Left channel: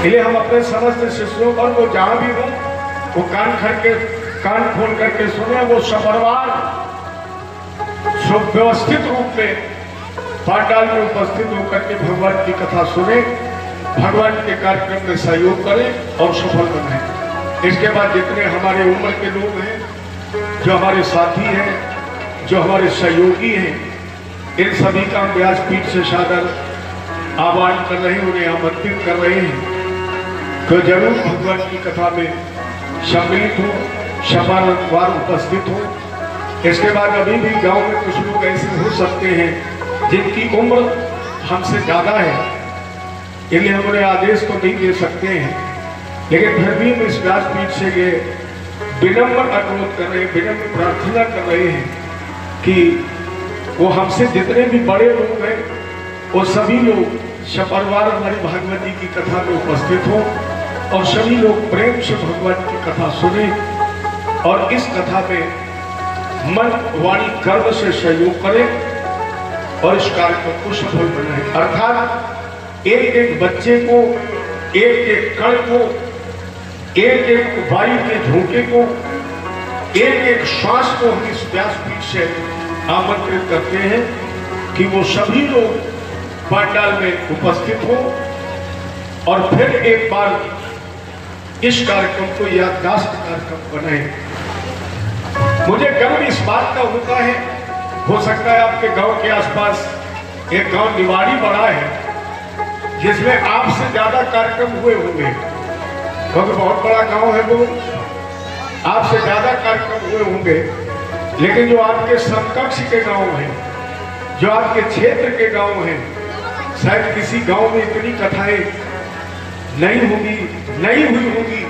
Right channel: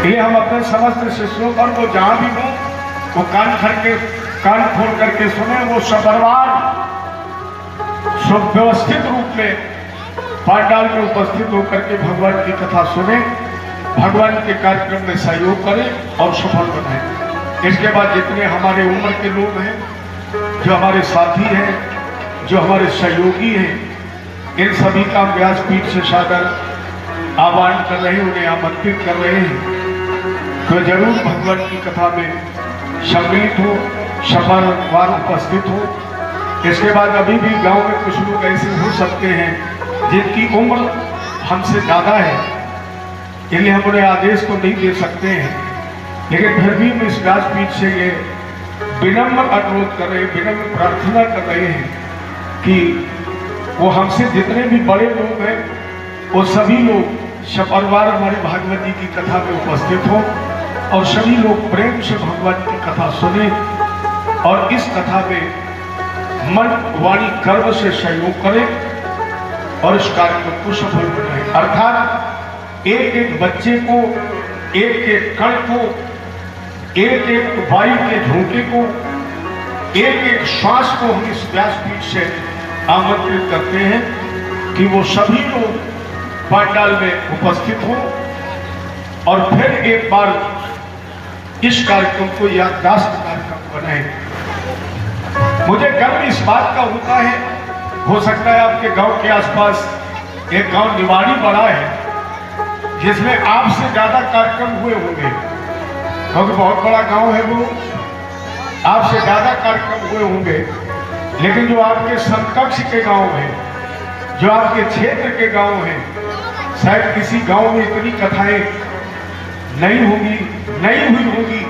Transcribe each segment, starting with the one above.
इसलिए हम अपने समस्त शिष्यों और वो जहां भी हो वो कान खोल करके सुने। वो सपरिवार सुव्यवस्थित रूप में पांडाल में उपस्थित होकर के भगवान की कथा सुने, भगवान के कार्यक्रम में सहयोग करें और सफल बनाएं। इसके बाद जितने हमारे उम्र के लोग हैं, जो हमारे साथी हैं, जो हमारे सहयोगी हैं, इन सभी का व्यासपीठ से सादर आह्वान कर रहे हैं, उन्हें आमंत्रित कर रहे हैं तो जरूर भगवान की कथा में सम्मिलित हो, सपरिवार उपस्थित हो। इसके बाद अभी भी गांव में कुछ लोग ऐसे हो सकते हैं जिनकी उम्र हमसे ज्यादा है, इसलिए हम उन्हें आदेश तो नहीं दे सकते हैं, लेकिन फिर भी हम इस व्यासपीठ से ये विनम्र अनुरोध कर रहे हैं, विनम्र प्रार्थना कर रहे हैं कि वो हमसे जितने भी बड़े लोग हैं वो सभी लोग सपरिवार हमारे भागवत जी की कथा में उपस्थित हो और सभी लोग प्रेम से भगवान की कथा सुने और इस कथा में मन वाणी कर्म से सहयोग करें और इस कार्यक्रम को सफल बनाएं। अर्थात एक एक बच्चे को, एक एक कण को, एक एक वायु के झोंके को, एक एक श्वास को हम इस व्यासपीठ से आमंत्रित करते हैं कि वो सभी लोग पांडाल में उपस्थित हो और फिर एक बार इस कार्यक्रम को याददाश्त कार्यक्रम बनाएं। मुझे गर्व इस बात का होता है, हो सकता है आपके गांव के आसपास एक गांव निवाड़ी बड़ा है जिसमें आपसे ज्यादा कार्यक्रम हुए होंगे, क्योंकि बहुत बड़ा गांव है वो, आपसे ज्यादा कार्यक्रम हुए होंगे। लेकिन जो आपके समकक्ष के गांव हैं, जो आपके क्षेत्र के गांव हैं, शायद किसी गांव में इतनी कथाएं नहीं होगी, नहीं हुई होगी।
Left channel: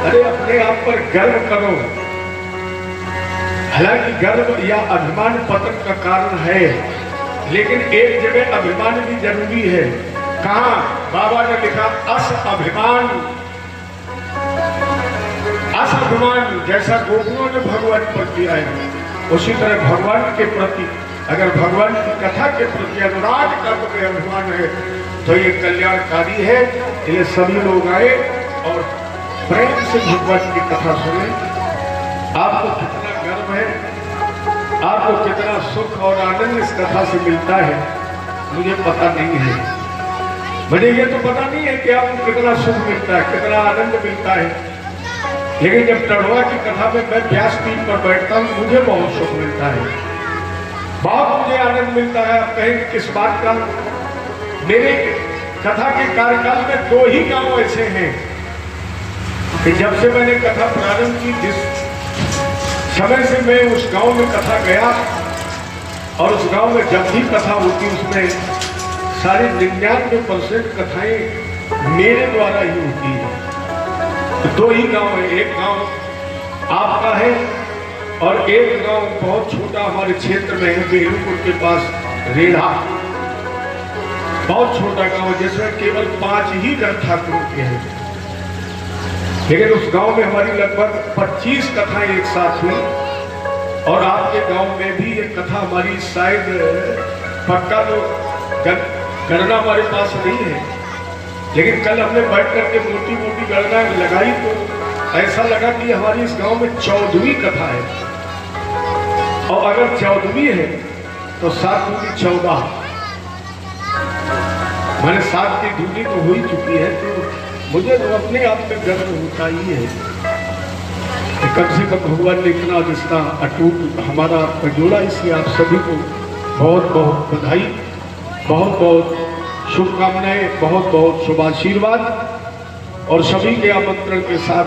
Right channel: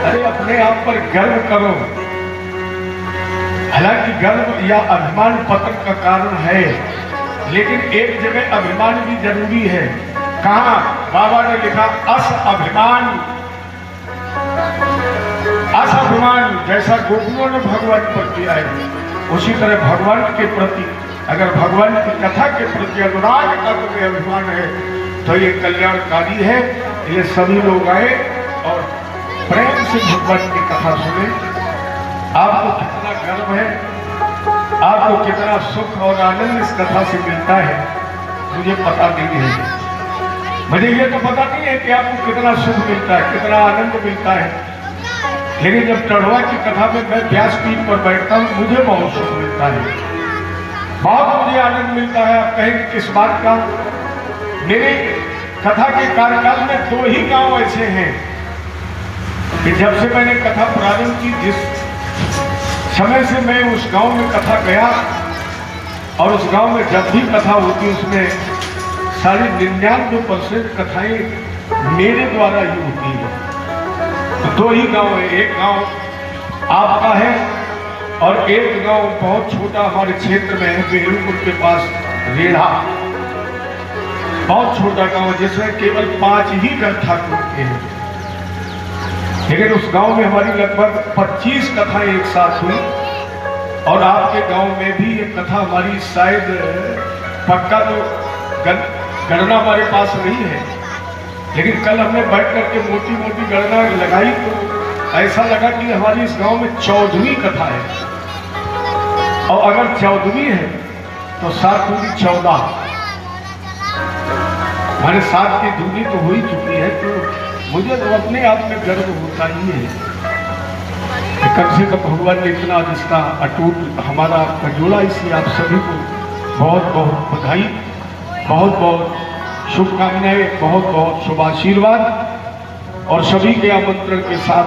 अरे अपने आप पर गर्व करो। हालांकि गर्व या अभिमान पतन का कारण है, लेकिन एक जगह अभिमान भी जरूरी है। कहा बाबा ने लिखा अस अभिमान, अस अभिमान जैसा गोपियों ने भगवान पर किया है, उसी तरह भगवान के प्रति अगर भगवान की कथा के प्रति अनुराग का तुम्हें अभिमान है तो ये कल्याणकारी है। ये सभी लोग आए और प्रेम से भगवान की कथा सुने। आपको कितना गर्व है, आपको कितना सुख और आनंद इस कथा से मिलता है मुझे पता नहीं है। मुझे ये तो पता नहीं है कि आपको कितना सुख मिलता है, कितना आनंद मिलता है, लेकिन जब टढ़वा की कथा में मैं व्यासपीठ पर बैठता हूँ मुझे बहुत सुख मिलता है, बहुत मुझे आनंद मिलता है। आप कहेंगे किस बात का? मेरे कथा के कार्यकाल में 2 ही गांव ऐसे हैं कि जब से मैंने कथा प्रारंभ की, जिस समय से मैं उस गांव में कथा गया और उस गांव में जब भी कथा होती उसमें साढ़े 99% कथाएं मेरे द्वारा ही होती है। तो 2 ही गांव है, एक गांव आपका है और एक गांव बहुत छोटा हमारे क्षेत्र में है, बेहूपुर के पास रेढ़ा, बहुत छोटा गांव जिसमें केवल 5 ही घर ठाकुर के हैं। लेकिन उस गांव में हमारी लगभग 25 कथाएं एक साथ हुई और आपके गांव में भी ये कथा हमारी शायद पक्का तो गणना हमारे पास नहीं है, लेकिन कल हमने बैठ करके मोटी मोटी गणना लगाई तो ऐसा लगा कि हमारी इस गांव में 14वीं कथा है। और अगर 14वीं है तो 7 दूनी 14, मैंने 7 की दूनी तो हो ही चुकी है। तो मुझे तो अपने आप में गर्व होता ही है कि कम से कम भगवान ने इतना रिश्ता अटूट हमारा आपका जोड़ा। इसलिए आप सभी को बहुत बहुत बधाई, बहुत बहुत शुभकामनाएं, बहुत बहुत शुभाशीर्वाद और सभी के आमंत्रण के साथ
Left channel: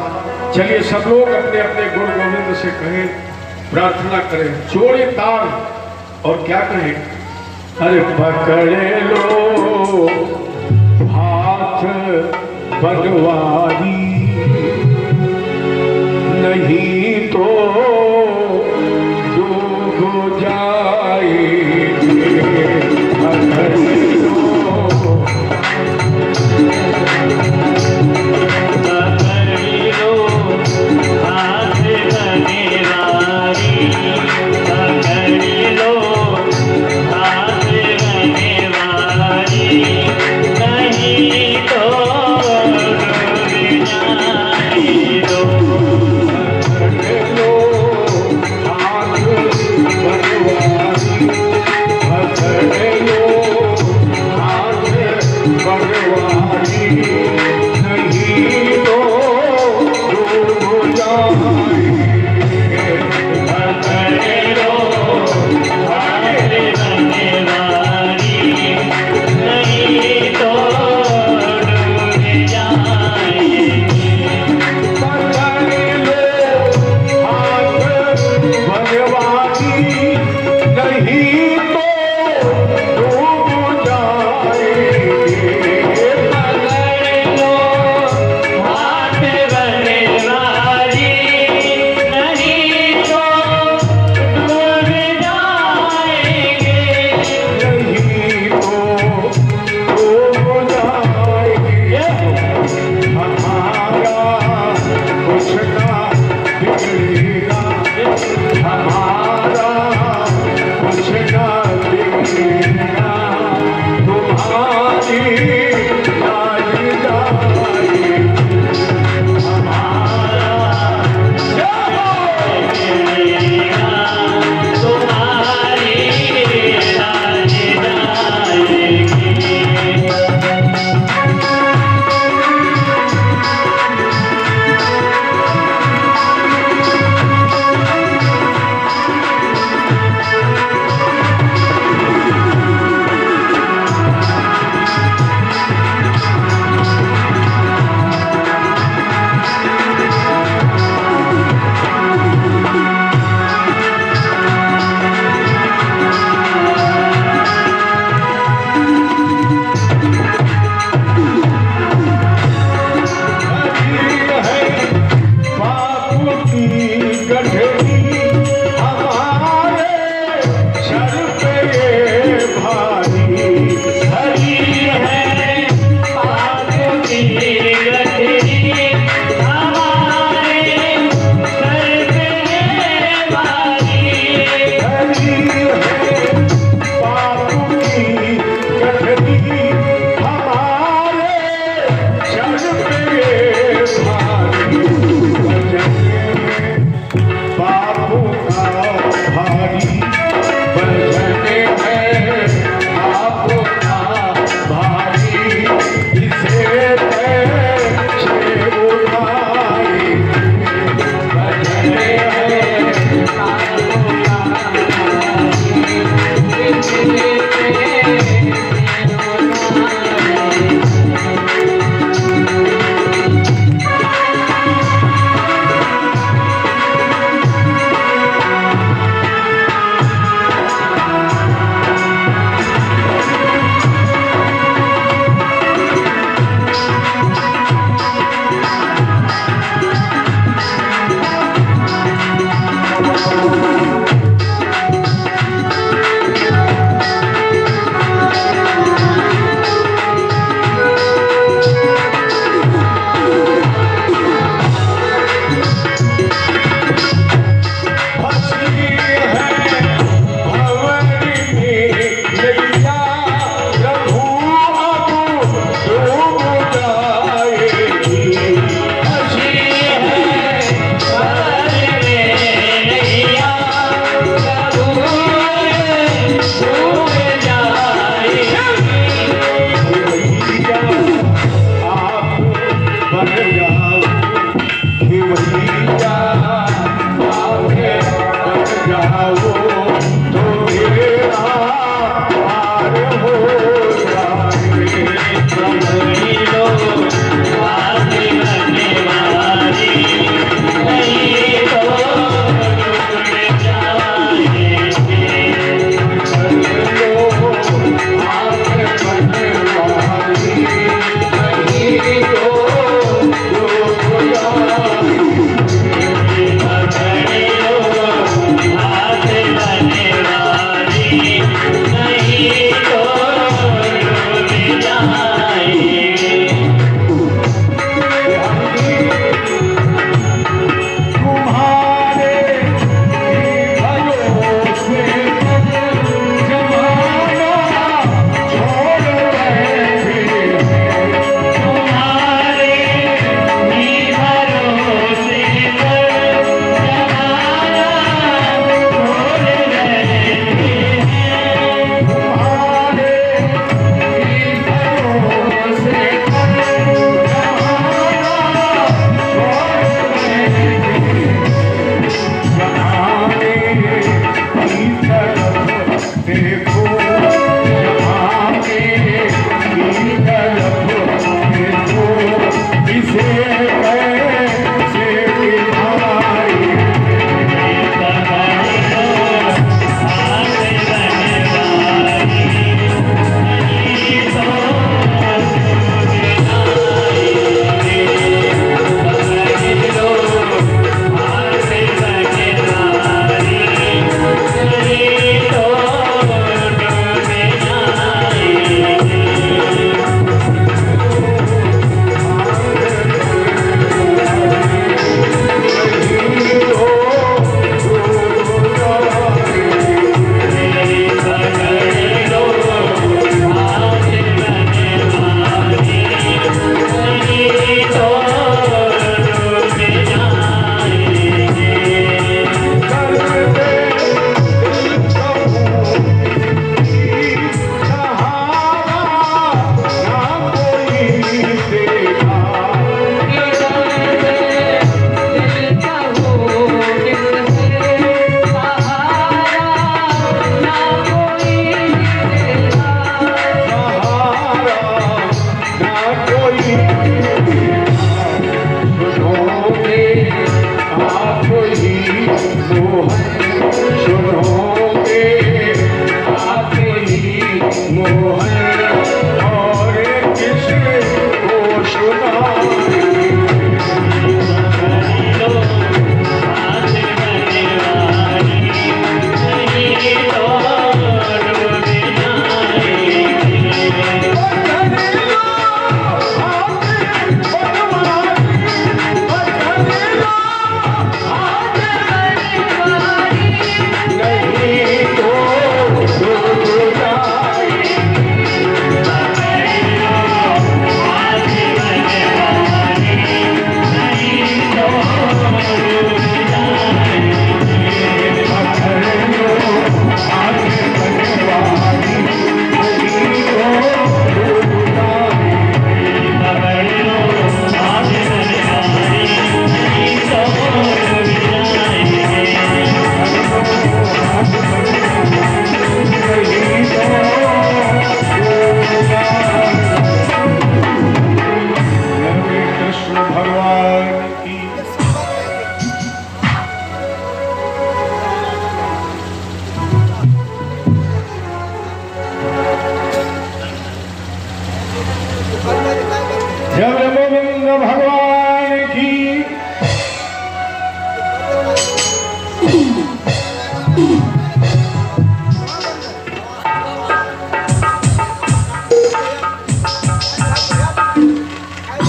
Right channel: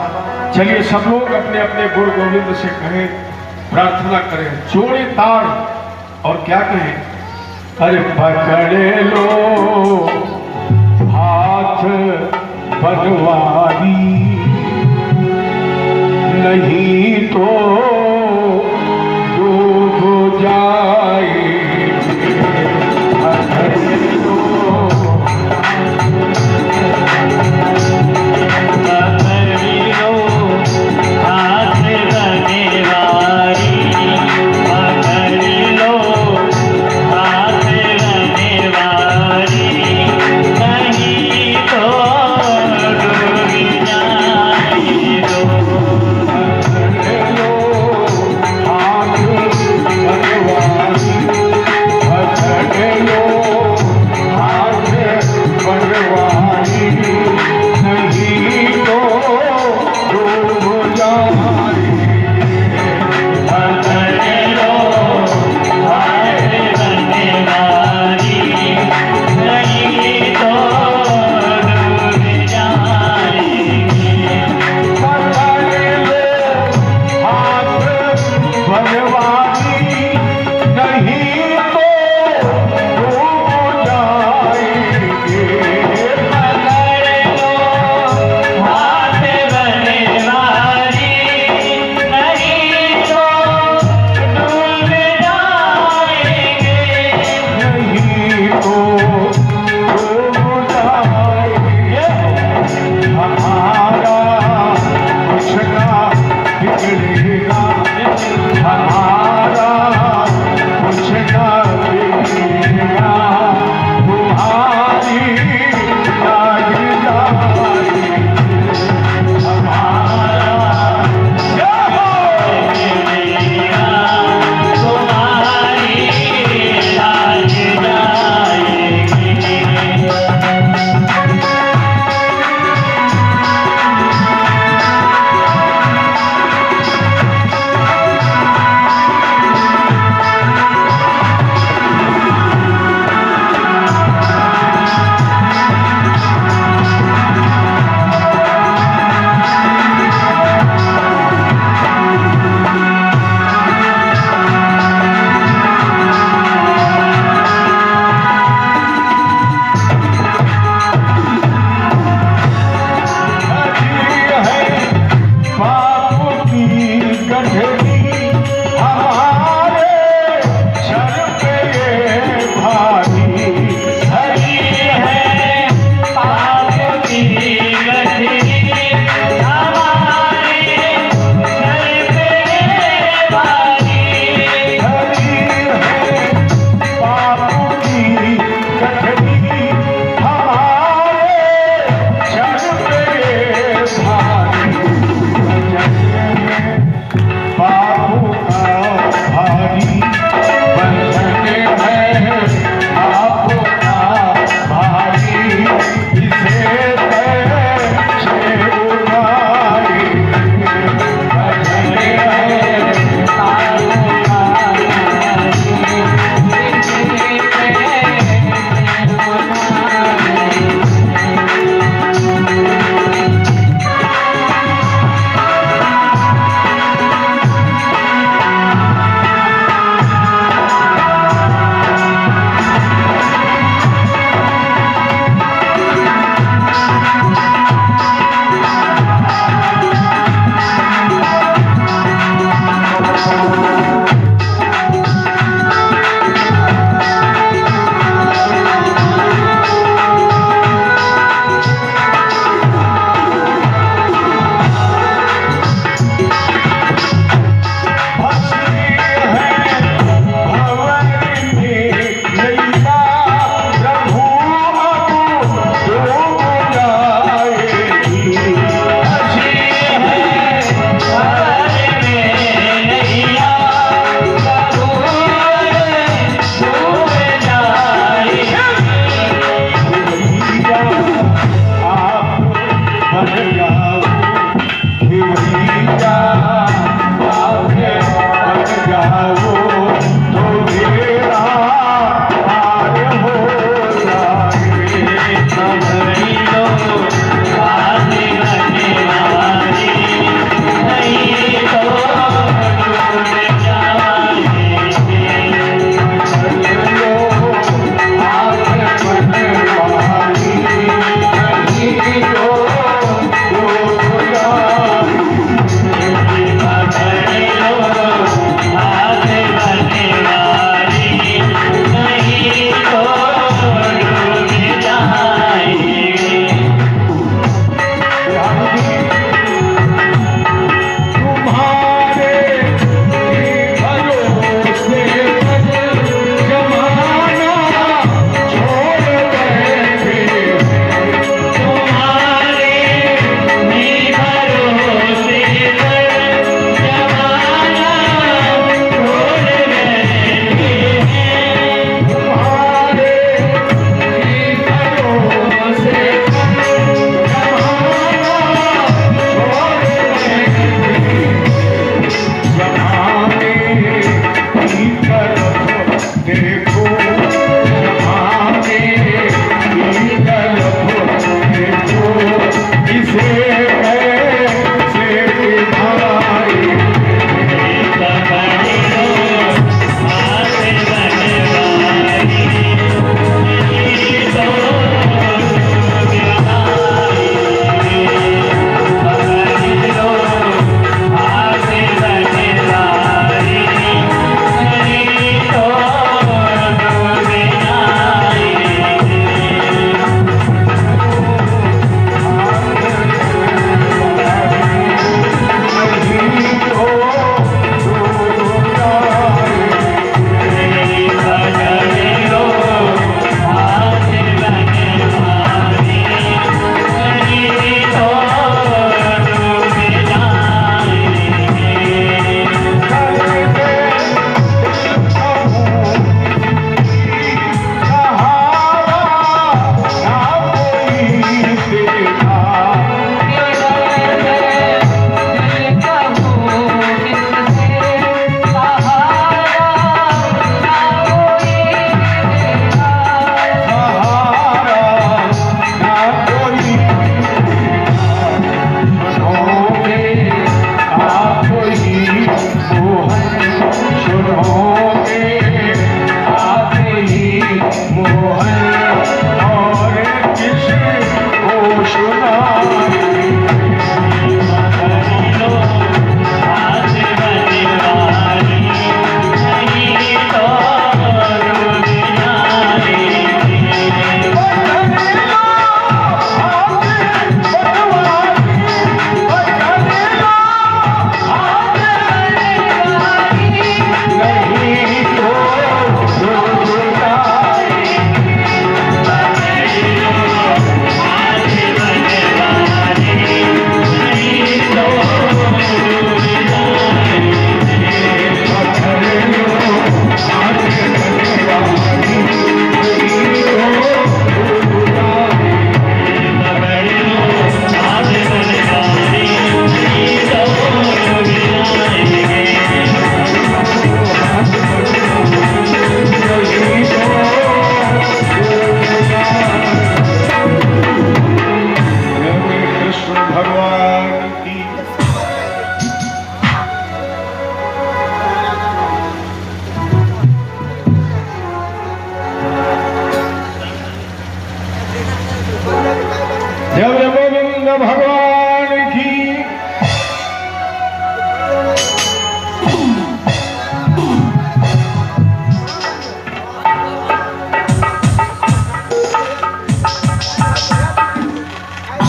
चलिए सब लोग अपने अपने गुरु गोविंद से कहें, प्रार्थना करें, जोड़े ताड़ और क्या कहें? अरे पकड़े लो हाथ भगवानी, नहीं तो डूब जाएंगे। पकड़े लो हाथ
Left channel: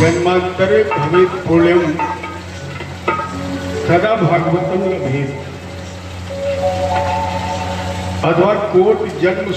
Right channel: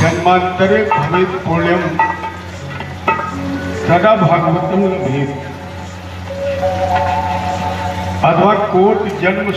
जन्मांतरे भवेत् पुण्यम सदा भागवतम भवेत् अथवा कोट जन्म